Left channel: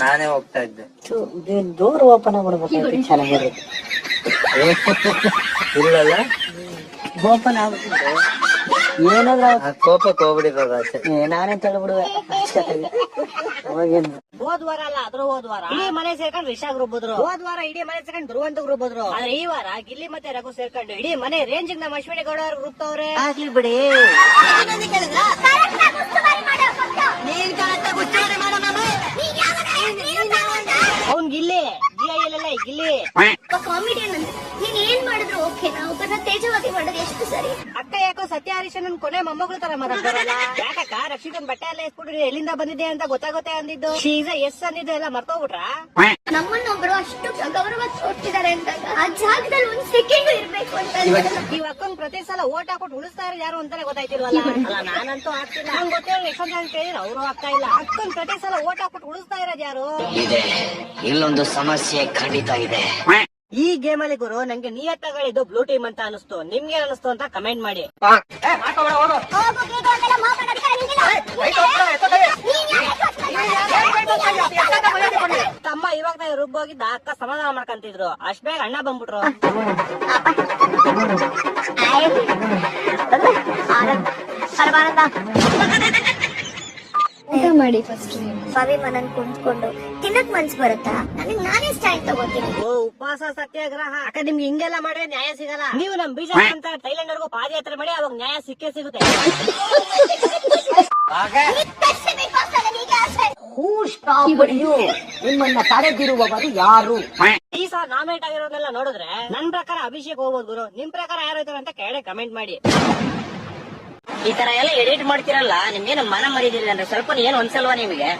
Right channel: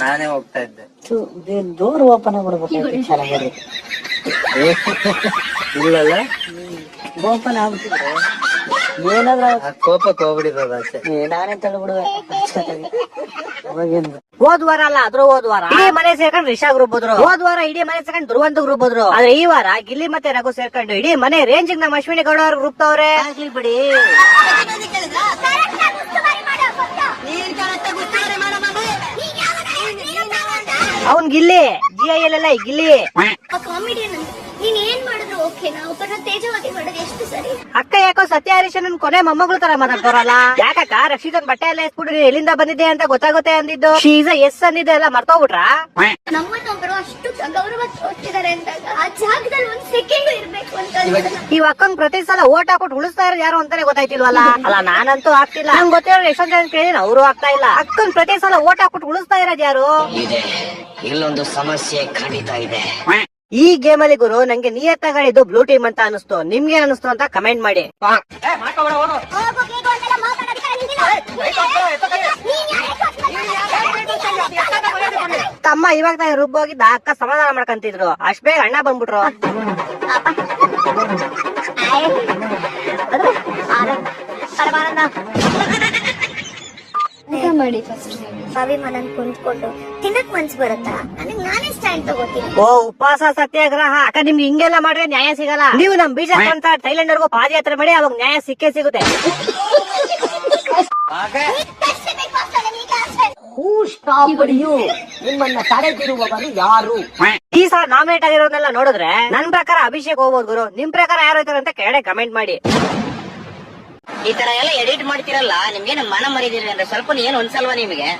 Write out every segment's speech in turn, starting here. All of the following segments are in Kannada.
ನಾನೇ ಹೋಗ್ತಾ ಇದ್ದೆ. ಡೋರ್ ಓಪನ್ ಮಾಡ್ಬೇಕು ಚೆನ್ನಾಗಿರುತ್ತೆ. ಇಲ್ಲಲ್ಲ ಓಪನ್ ಆಗ್ಬಿಟ್ಟಿದ್ರೆ ಏನಾದ್ರ ಕೋಪಕ್ಕೆ ಹೋಗ್ಬಿಡಿರೋದು ಅಷ್ಟೇ. ನಾನೇ ತಳ್ಬಿಡುವೆ. ಹೋದ್ವಾರ ಅಲ್ಲ ಅದ್ರ ಹೋದ್ವಾರ ಇಡೀ ಮನೆ ಸೇರ್ಕೊಂಡು ರಿಷಾ ಗ್ರೂಪ್ ಹೋದ್ರು. ಹೋದ್ವಾರ ಇಡೀ ಮನೆ ಸೇರ್ಕೊಂಡು ಧ್ರುವಂತ ಗ್ರೂಪ್ ಹೋದ್ರು. ಆದ್ರೆ ಈ ವಾರ ಗಿಲ್ಲಿ ಮತ್ತೆ ರಘು ಸೇರ್ಕೊಂಡು ಇಡೀ ಮನೆ ರೇಂಜ್ ನಮ್ಮ ಅಶ್ವಿನಿ ಗೌಡ ಅವ್ರ ಗ್ರೂಪ್ ತವ್ರೆ. ಆಗ್ಲಿ ಬಿಡಿ. ಅವನ್ ಗಿಲ್ಲಿ GIL ಗಿಲ್ಲಿ ಕಾಮಿಡಿಯನ್. ನೀನ್ ಏನ್ ಮಾಡಿದ್ರು ಓಕೆ, ನಾವು ತೇಜವಾದಿ ಮಾಡೋದು ಎಷ್ಟು ಸರಿ. ಅಕ್ಕ ಯಾಕೋ ಸತ್ಯ ಹರೀಶನ್ ಕೊನೆ ಮೊಮ್ಮಗಳು ತರ ಮಾತಾಡ್ತಾರಲ್ಲ. ಯಾಕಕ್ಕ ರಕ್ಷಿತನ್ ಬಟ್ಟೆ ಎಲ್ಲ ಎಸ್ಬಿಟ್ಟು ನೀನ್ ಎಲ್ಲಿಂದ ಬಂದಿದ್ದೆ ಅಂತ ಗೊತ್ತಾಗುತ್ತೆ ಅಂದಿದ್ದು. ಶೀಸ ಎಸ್ ಅಂದಿದ್ದೆ ಎಲ್ಲ ಮರ್ತೋಗ್ಬಿಟ್ರ. ನಮ್ಮನ್ನೊಬ್ರು ಅಷ್ಟು ಗೌರವ ಕೊಟ್ಟಿದ್ದಾರೆ ಅಂದಾಗ ಆ ಜಾಗದಲ್ಲಿ ಒಂದ್ ಸೆಕೆಂಡ್ ಇರ್ಬೇಕು ಅಂತ. ಈ ಅಕ್ಕಂಗ್ ಪ್ರತಿ ಸಲ ಓಟ್ ಹಾಕೊಟ್ಟು ಉಳಿಸ್ತಾ ಇರೋದು ಯಾರು ಅಂತಾನೆ ಗೊತ್ತಾಯ್ತಿಲ್ವಲ್ಲ. ಅಲ್ಲ ನಾನಂತೂ ಆಗ್ತಿಲ್ಲ. ನಂಗೆ ಗೊತ್ತಿರೋ ಎಷ್ಟೊಂದ್ ಜನ ಕೇಳಿದ್ರೆ ಅವರು ಆಗ್ತಾ ಇಲ್ಲ. ಅಕ್ಕನ್ ಪ್ರತಿ ಸಲ ಓಟ್ ಹಾಕೊಟ್ಟು ಉಳಿಸ್ತಾ ಇರೋದು ಯಾರು? ಇಲ್ಲೊಂದು ಸಮಸ್ಯೆ ಖಂಡಿತ ಇದೆ. ಈ ಗೇಮ್ ಅಲ್ಲಿ ಗುರು ನಂಗೆ ನಿಯತ್ತಾಗಿದ್ದು ಬ್ಲೂ ಟೀಮ್ ಅಂತ ಅನಿಸ್ತು. ನಿಮ್ಗೆ ಅನಿಸ್ತು ಅಂತ ಕಮೆಂಟ್ ಮಾಡಿ. ತಮ್ಮ ಇವಾಗ ತಾನೇ ರುಬ್ಬೋಗಿದ್ದ ಅಕ್ಕ ಸಮಾಧಾನ ಮಾಡ್ಕಂತಿದ್ರು. ಅಷ್ಟ್ ಬೇಗ ಅಣ್ಣ ಬಂದ್ಬಿಟ್ರು. ಊಟ ಮಾಡಿ ಫಸ್ಟ್. ಅಭಿಮಾನನ್ ಕುಂತ್ಕೊಂಡು ತಿನ್ನಕ್ ಮನ್ಸ್ ಬರುತ್ತಾ? ನನಗೆ ನಾನೇ ಸ್ಟ್ಯಾಂಡ್ ತಗೋತೀನಿ. ಓ ಉಪವಾಸ ಸತ್ಯಾಗ್ರಹ ಅಕ್ಕ ನಿಮ್ಗೆ ಹಿಂಗೆಲ್ಲ ಮಾಡ್ರೆ ನ್ಯಾಯ ಸಿಗಲ್ಲ. ನೀವು ನಮ್ ಬೀಜ ಅಂತ ಥೈಲ್ಯಾಂಡ್ ವರ್ಗೂ ಪಾದಯಾತ್ರೆ ಮಾಡಿ ಅವಾಗ ನ್ಯಾಯ ಸಿಕ್ಕೇ ಸಿಗುತ್ತೆ. ನಿಮ್ಮನ್ನ ತಡೆದಿರುವವರು ಯಾರು? ಈ ಸಲ ನಾಮಿನೇಟ್ ಆಗಿರೋದನ್ನೆಲ್ಲ ನೋಡಿದ್ರೆ ನನ್ ಪ್ರಕಾರ ಅಭಿಷೇಕ್ ಹೋಗ್ಬೋದು ಗುರು. ನಿಮ್ ಪ್ರಕಾರ ಯಾರು ಹೋಯ್ತಾರೆ ಅಂತ ಕೆಳಗಡೆ ಕಮೆಂಟ್ ಮಾಡಿ. ಈ ತರ ಎಲ್ಲ ಎಡಿಟ್ ಮಾಡ್ತಿರಲ್ಲ, ನಿಮ್ಗೆ ಮನ ಮರಿದಿರಿ ಅಂದ್ರೆ ಸ್ವಲ್ಪ ಏನ್ ಒಂದ್ಸಲ್ವಾ ನಿಮ್ಗೆ?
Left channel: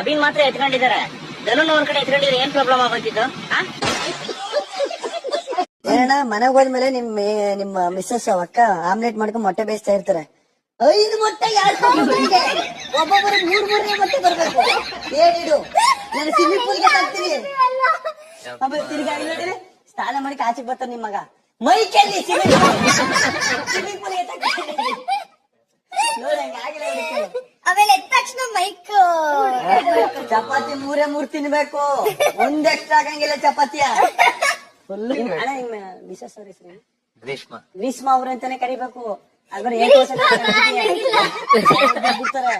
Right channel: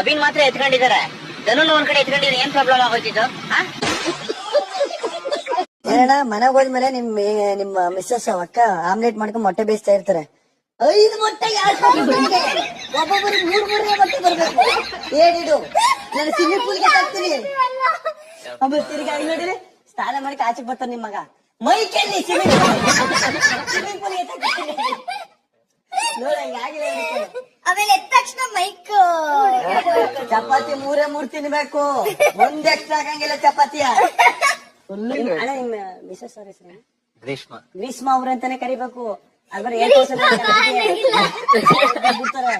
ಅಭಿನ್ ಮಾತ್ರ ಎತ್ಕೊಂಡಿದ್ದಾರೆ, ಧನುನ್ ಒಂದ್ ಕಡೆ ಎತ್ಕೊಂಡಿದ್ರೆ ಏನ್ ಪ್ರಾಬ್ಲಮ್ ಆಗೋತಿದ್ದು? ಮನೆಗೆ ಹೋದ್ಮೇಲೆ ನಿಮ್ಮ ಮಿಸ್ಸಸ್ ಅಕ್ಕ ಆಮ್ಲೆಟ್ ಮಾಡ್ಕೊಂಡು ಮೊಟ್ಟೆ ಬೇಯಿಸ್ತಾ ಇರ್ತಾರೆ. 5 ಮೊಟ್ಟೆ ಒಬ್ಬೊಬ್ಬರು 3 ಮೊಟ್ಟೆ ಬರ್ಬೇಕು. ಏನಿಡು ನಾನು ಸಿಟಿ ಪೂಲ್ಗೆ ತರ್ತೀನಿ. ಆಮೇಲೆ ತಿರ್ಗಿ ನೋಡಿದ್ರೆ ಸ್ನಾನ ಮಾಡಿ ಆಚೆಗೆ ಬರ್ತಾನೆ ನಿಮ್ಮ ಮಗ. ಮೈ ಕೆಲ್ಲಿ ಆಮೇಲೆ ಎದ್ದ ತಕ್ಷಣ ಮೈಕ್ ಚಪಾತಿ 3 ತಿನ್ಬೇಕು. ಒಂದ್ ಎಕ್ಸ್ಟ್ರಾ ಆಗಂಗಿಲ್ಲ ಚಪಾತಿಯ. ಅಣ್ಣ ನಿಮ್ಮ ಮಿಸಸ್ ಅವ್ರ ಹೆಸರು ಗ್ರೀಷ್ಮಾ ಅವ್ರ ಅಂತಾನೆ ಕರಿಬೇಕು. ಅದ್ರ ಬಿಡ್ತಾರೆ.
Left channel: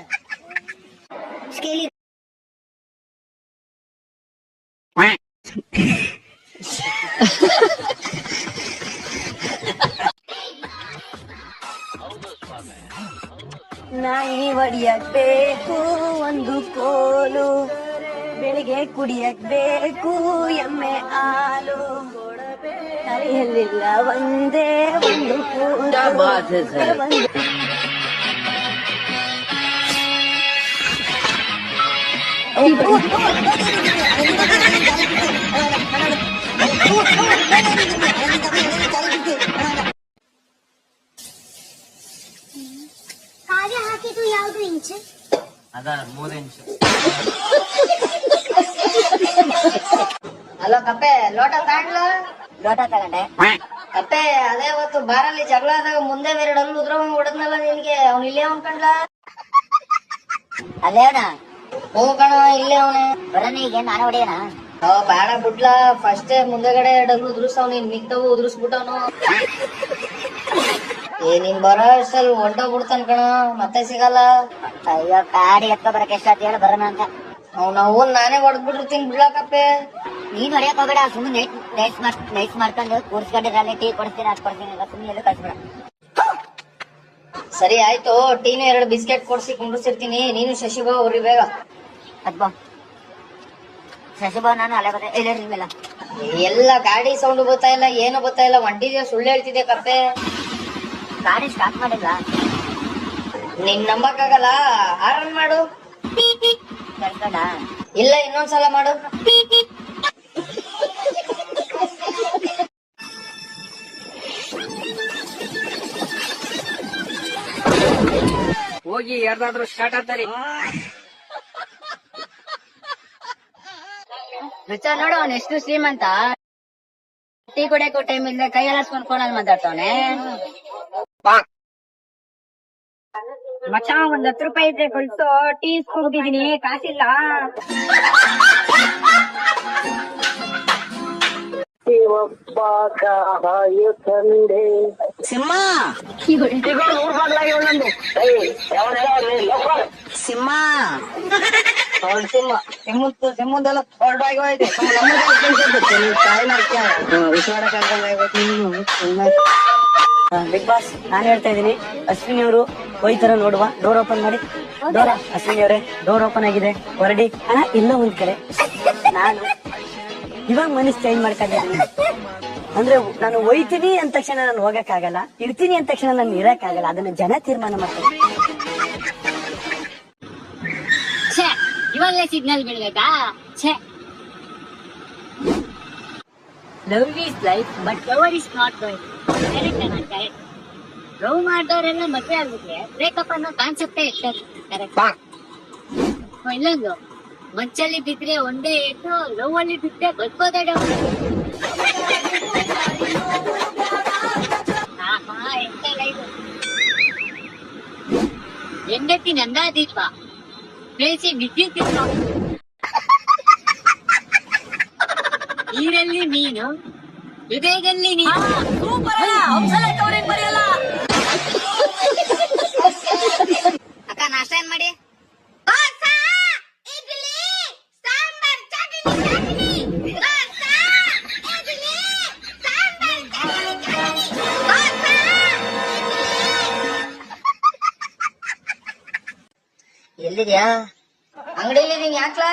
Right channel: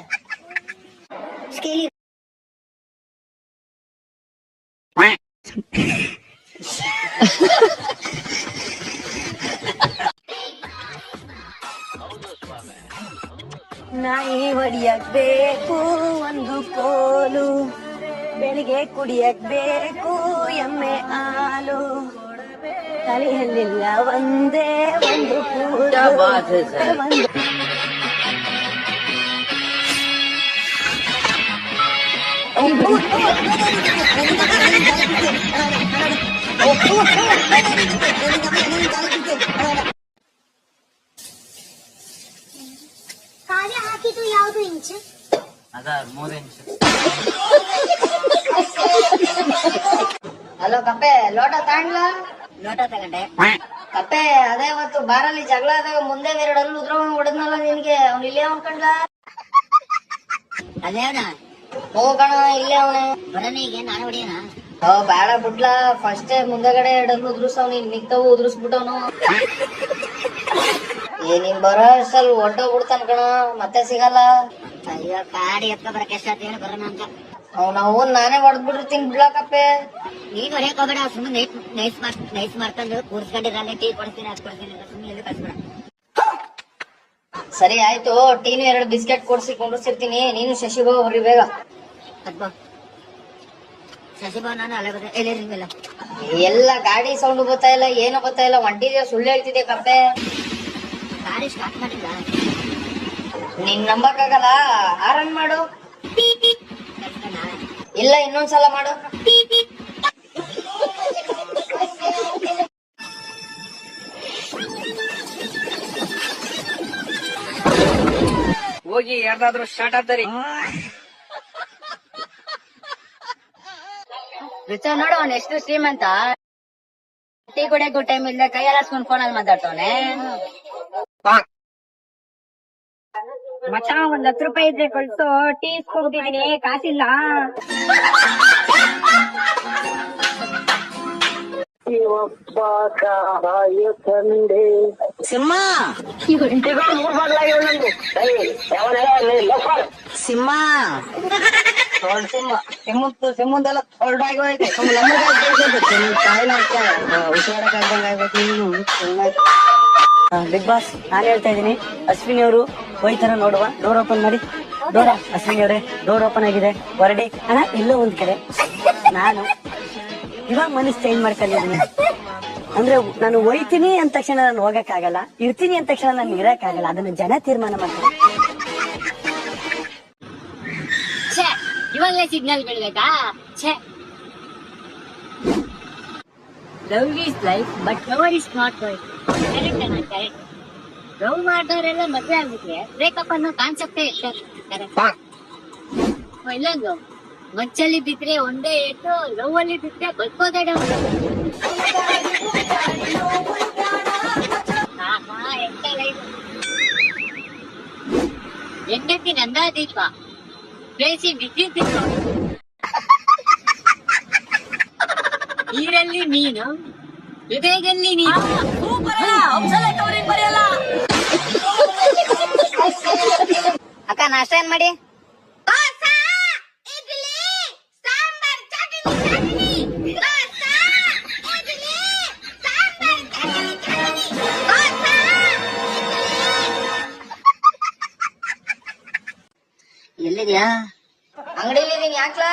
ನಾಯಿ ಹೊಡಿಯಕ್ ಬೇಕು ಒಂದು ಕೋಲು, ಬೆಳಿಗ್ಗೆ ಕುಡಿಯಕ್ ಬೇಕು ಎಮ್ಮೆ ಹಾಲು, ತಲೆಯಲ್ಲಿಲ್ಲ ಒಂದೇ ಒಂದು ಕೂದಲು. ಕಾರ್ಯ ಹಾಕಿದ್ದು ಯಾವ್ದು ಇಂಚು? ಅದ 3 ಇಂಚು. ಹಲೋ ಕಪ್ಪೆ, ಲೋಟ ತಗೊಂಡ್ಲ? ಲೋಟ ತಗೊಂಡೆ. ಕಪ್ಪೆ, ಅದೇ ಇವತ್ತು ಬಾರಲ್ಲಿ ಜಗಳ ಆದಾಗ ಮುಂದೆ 2 ಹಲ್ಲು ಉದ್ರವಂಗ್ ಹೊಡೆದ್ನಲ್ಲ ನಿನ್ಗೆ, ಅವ್ನು ಇಲ್ಲೇ ಅನ್ಕಂಡ್ಲ? ಅಲ್ಲೇ ಅವನ ಹೋಗಣ, ಇಲ್ಲೇ ಅವನು ಬರೋಣ. ಈಗ ನಾನು ಹೊಡೆಯೋಣ? ಬೇಡ ಬಿಡ್ಲಾ, ಫಸ್ಟ್ ಮುಂದೆಗಡೆ 2 ಹಲ್ಲು ಉದ್ರಸ್ತಾವ್, ನೀನ್ ಮಿಕ್ತವು ಉದ್ರಸ್ಬಿಟ್ಟವನು. ನೀನ್ ಬರೋ ಅಷ್ಟಲ್ಲಿ ಹೊಡ್ಡೋಗ್ಬಿಡ್ತಾನ ಕಣ, ಮತ್ತೆ ಸಿಗಲ್ಲ. ಅಯ್ಯೋ ಕಾಡಿ ಎತ್ತ ಬರಕ್ ಎಷ್ಟಾತ್ ಹೇಳ ಬರೋಣ ಅಂತ. ಅವ್ನ್ ನಾನೇ ಹೊಡೆದ್ಬಿಟ್ಟಿರ್ತೀನಿ ಬಿಡ್ಲಕ್ಕಪ್ಪೆ. ನೀನ್ ಹೊಡೆಯಕ್ ಹೋಗ್ಬೇಡ, ಸುಮ್ಮನೆ ನೈಸ್ ಮಾಡ್ಕೊಂಡು ಕೂರ್ಸ್ಕೊಂಡು ನಾನು ಟೀ ಕೊಡ್ತೀನಿ ಅದ್ ಕೊಡ್ತೀನಿ ಅಂತ ಸುಮ್ಮನೆ ಕಳ್ಸ್ಬೇಡ. ಸರಿ ಆಯ್ತು, ಟೀನು 2 ಬಿಸ್ಕೆಟ್ ಕೊಡ್ಸಿ ಕುಂಡ್ರಿಸಿರ್ತೀನಿ, ನೀನು ಶಶಿಬಾ ಅವ್ರಿ ಬೇಗ. ಅದ್ಬಾ ಶಶಿಬಾ ನಾನು ಅಲ್ಲೇ ಬರ್ತೇ ಎಲ್ಲ ಎಲ್ಲ ಗಾಡಿ ಸೌಂಡ್ ಗೊತ್ತಾ ಇಲ್ಲ, ಏನು ಗೊತ್ತಾ ಇಲ್ಲ, ಒಂಟಿದ್ಯಾ ಸುಳ್ಳು ಹೇಳ್ತಿದ್ಯಾ ಕಪ್ಪೆ. ಗಾಡಿ ಸ್ಟಾರ್ಟ್ ಮಾಡಿದ್ವಾ? ನಿನ್ ನಂಬಕ್ಕಾಗಲ್ಲ, ಆರನ್ ಮಾಡು. ಕಳ್ಸ್ಕೊಂಡ? ಇಲ್ಲ, ಇನ್ನೊಂದ್ಸಲ ಮಾಡು. ಹೋಗಿ ಯಾರ್ದಾದ್ರೂ ಸ್ಟಾರ್ಟ್ ಆಗ್ತಾರಿ. ರುಚ ನೋಡು ಅವ್ನು ಎಷ್ಟು ಶ್ರೀಮಂತ. ಟೀ ಕುಡಿಯಕ್ಕೂ ಟೈಮ್ ಇಲ್ಲ, ಕೈಯೆಲ್ಲ ಫೋನ್ ಅಲ್ಲಿ ಮಾತಾಡ್ತವನೆ. ಮಚ 10 ರೂಪಾಯಿ ಇದ್ರೆ ಕಳ್ಸೋ, ಟೀ ಇಸ್ಕೊಂಡ್ಬಿಟ್ಟಿದೀನಿ, ಕಾಸಿಲ್ಲ. ಸಿಂಹ ಸಿಂಹ ಸಿಮ್ಮಂದೆಲ್ಲ ಹೊರಡಾಗಿ ಹೋಯ್ತು. ಬಿಗ್ ಬಾಸ್, ನಾನ್ ಹೇಳ್ತಾ ಇದೀನಿ, ಅಶ್ವಿನಿ ಅವರು ಹೋಯ್ತಾರ ನೋಡುವ. ಡೋರ್ ಓಪನ್ ಮಾಡಿ. ಡೋರ್, ಅಶ್ವಿನಿ ಅವರೇ ಡೋರ್ ಓಪನ್ ಆಗಿದೆ, ಹೊರಡಿ. ಅಣ್ಣ ಇಲ್ಲೋ ಒಂದ್ ಕಡೆ ನಾನು ಇವಾಗ ಮನಸ್ಸು ಚೇಂಜ್ ಮಾಡ್ಕೊಂಡಿದ್ದೀನಿ. ಅಂದ್ರೆ ನಾನು ಹೋಯ್ತೀನಿ ಅಂದ ತಕ್ಷಣ ನಾನು ಹೋಗಕ್ಕಾಗಲ್ಲ, ಇರ್ತೀನಿ ಅಂದ ತಕ್ಷಣ ನಾನು ಇರಕ್ಕಾಗಲ್ಲ. ಅದನ್ನ ಜನ ತೀರ್ಮಾನ ಮಾಡ್ತಾರೆ. ಇವಾಗಲೇ ಸಿಗ್ನಲ್ ಬಿಡ್ಬೇಕಾ? Love is life but lover is not life. Love ಮಾಡ್ದವರೆಲ್ಲ ಮದ್ವೆ ಆಗ್ಬಿಟ್ರೆ ಬ್ರೇಕಪ್ ಅನ್ನೋ ಕಾನ್ಸೆಪ್ಟೇ ಇಲ್ಲಂದು. ಮಚ್ಚಲ್ಲಿ ಬಿದ್ರೆ ಒಂದೇ ಇಟ್ಟು, ಲವ್ ಅಲ್ಲಿ ಬಿದ್ರೆ ಬದುಕೋದಾಡ. ಹೆಂಡತಿ ನಂದಾದೀಪ, ಬೇಸಿ ವಿದ್ಯುತ್ ನೀರಲ್ಲಿ ಮೀನು, ಹೃದಯದಲ್ಲಿ ನೀನು. ಅಕ್ಕ ನಾಷ್ಟ ಏನ್ ಮಾಡಿ? ಎಲ್ಲಿದ್ಯಾ? ಅಂಗಡಿಲಿದೀನಿ, ಯಾಕ್ಲಾ?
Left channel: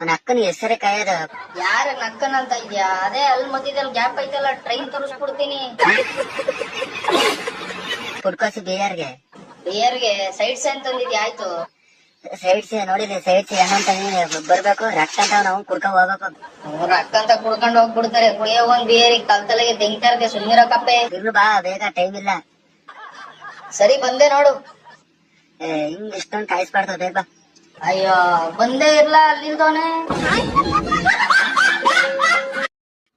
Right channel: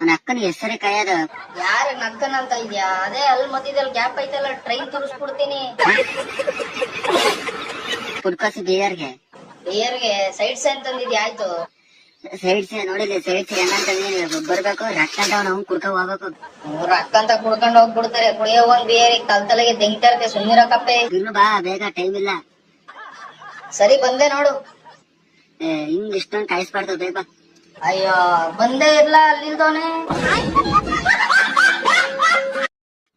ನನ್ನ ಅಕ್ಕನ ಹೆಸರೇ ಕಾಯದ. ಯಾರ ನಕ್ಕನ ಅಂತ ಇದ್ಯಾ? ಅದೇ ಅಲ್ಲಿ ಮಧ್ಯದಲ್ಲಿ ಗ್ಯಾಪ್ ಐತಲ್ಲ, ಟ್ರೈನ್ ತೋರಿಸ್ಕೊಡ್ತೀನಿ. ಪುಡ್ಕಾಸು ಬೀದರ್ಗೆ. ಬೇರ್ಗೆ ಸೈಡ್ಸ್ ಅಂತಂದಿದ್ಯಾ? ಆಯ್ತು. ಸೈಡ್ಸ್ ನೋಡಿಲ್ಲ, ಸೈಡ್ಸ್ ಹೆಂಗಂತಾನೆ ಬರ್ಬೇಕು, ರಕ್ತ ಅಂತ ನಾವು ಕುಡ್ಕೊಂಡ್ ಹೋಗ್ಬೇಕು. ಅವ್ರ ಅಕ್ಕಂತ ಕುಡ್ಕೊಂಡು ಹೋಗ್ಬಿಡ್ತಾರೆ. ಕುಡಿಯೋ ಒಂದ್ ಬೇರೆ ಕಲ್ತಲೆಗೆ ತೆಗಿತಾರಕ್ಕೆ ಸುಮ್ನಿರಕಪ್ಪೆ. ಇರ್ಲು ಬಾ, ಬೇಗ ಟೈಮ್ ಇಲ್ಲ. ಸರಿ ಬಂದೆ ನೋಡು. ಹಿಂಗ್ ಇಷ್ಟೊಂದು ಕಾಯಿಸ್ಬಾರ್ದು, ಬೇಗ ಬಾ. ಅಯ್ಯೋ ಬಂದೇ ಇರ್ಲ, ಅಲ್ಲಿಲ್ದವನೆ.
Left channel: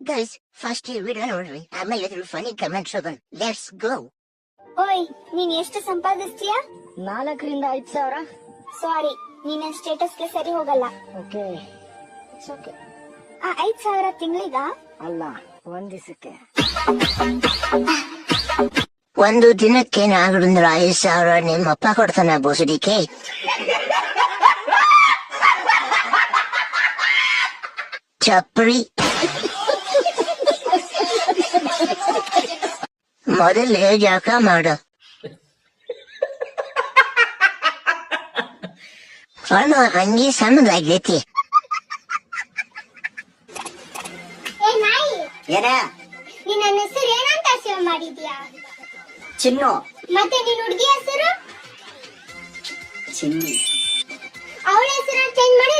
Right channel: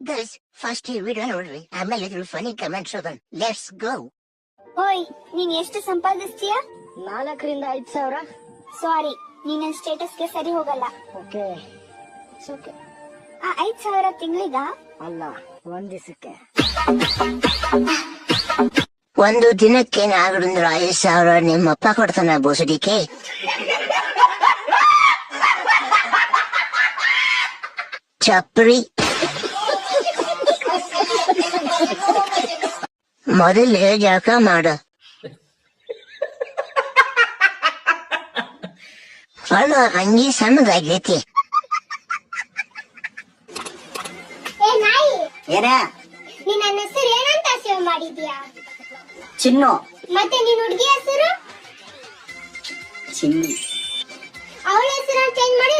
ಗೈಸ್, ಫಸ್ಟ್ ಈ ವಿಡಿಯೋ ನೋಡ್ರಿ, ಆಮೇಲೆ ಇದ್ರ ಫನಿ ಕಮೆಂಟ್ಸ್ ಓದೋಣ. Let's go. ಓಯ್, ನೀನ್ ಎಷ್ಟು ಸಂಪಾದಿಸ್ತೀಯ? 4 ರಿಂದ 5 ಸಾವಿರ. ಸಾರಿ, ನಿನ್ನ ಸ್ಟೇಟಸ್ಗೆ ಸರಿ ಹೋಗಲ್ಲ. ಓಕೆ, ಆ 5 ಸಾವಿರ ತಿಂಗಳಿಗ? ಅಲ್ಲ, ಒಂದ್ ದಿವಸಕ್ಕೆ. ಒಂದು ದಿನಕ್ಕೆ 4 ರಿಂದ 5 ಸಾವಿರ ನಿಮ್ಮಪ್ಪ ಕೊಡ್ತಾನ ಬೋಸಡಿಕೆ. ಚಪ್ರಿ. ಮೊದಲೇ ಜಳಕ ಮಾಡು. ಅಣ್ಣ ಅಂಗಿ ಸಣ್ಣದಾಗೈತಿ. ಏ ನಾಯಿ, ಏನ? ನೀನ್ ನನ್ನ ಹೆಸರು ಏನಂತ ಸೇವ್ ಮಾಡಿದ್ಯಾ? ಚಿನ್ನು. ಮತ್ತೆ ನಿನ್ ಹುಡುಗಿ ಹೆಸರು? ಚಿನ್ನು. ಅವಳ ಹೆಸರು ಚೇಂಜ್ ಮಾಡಿ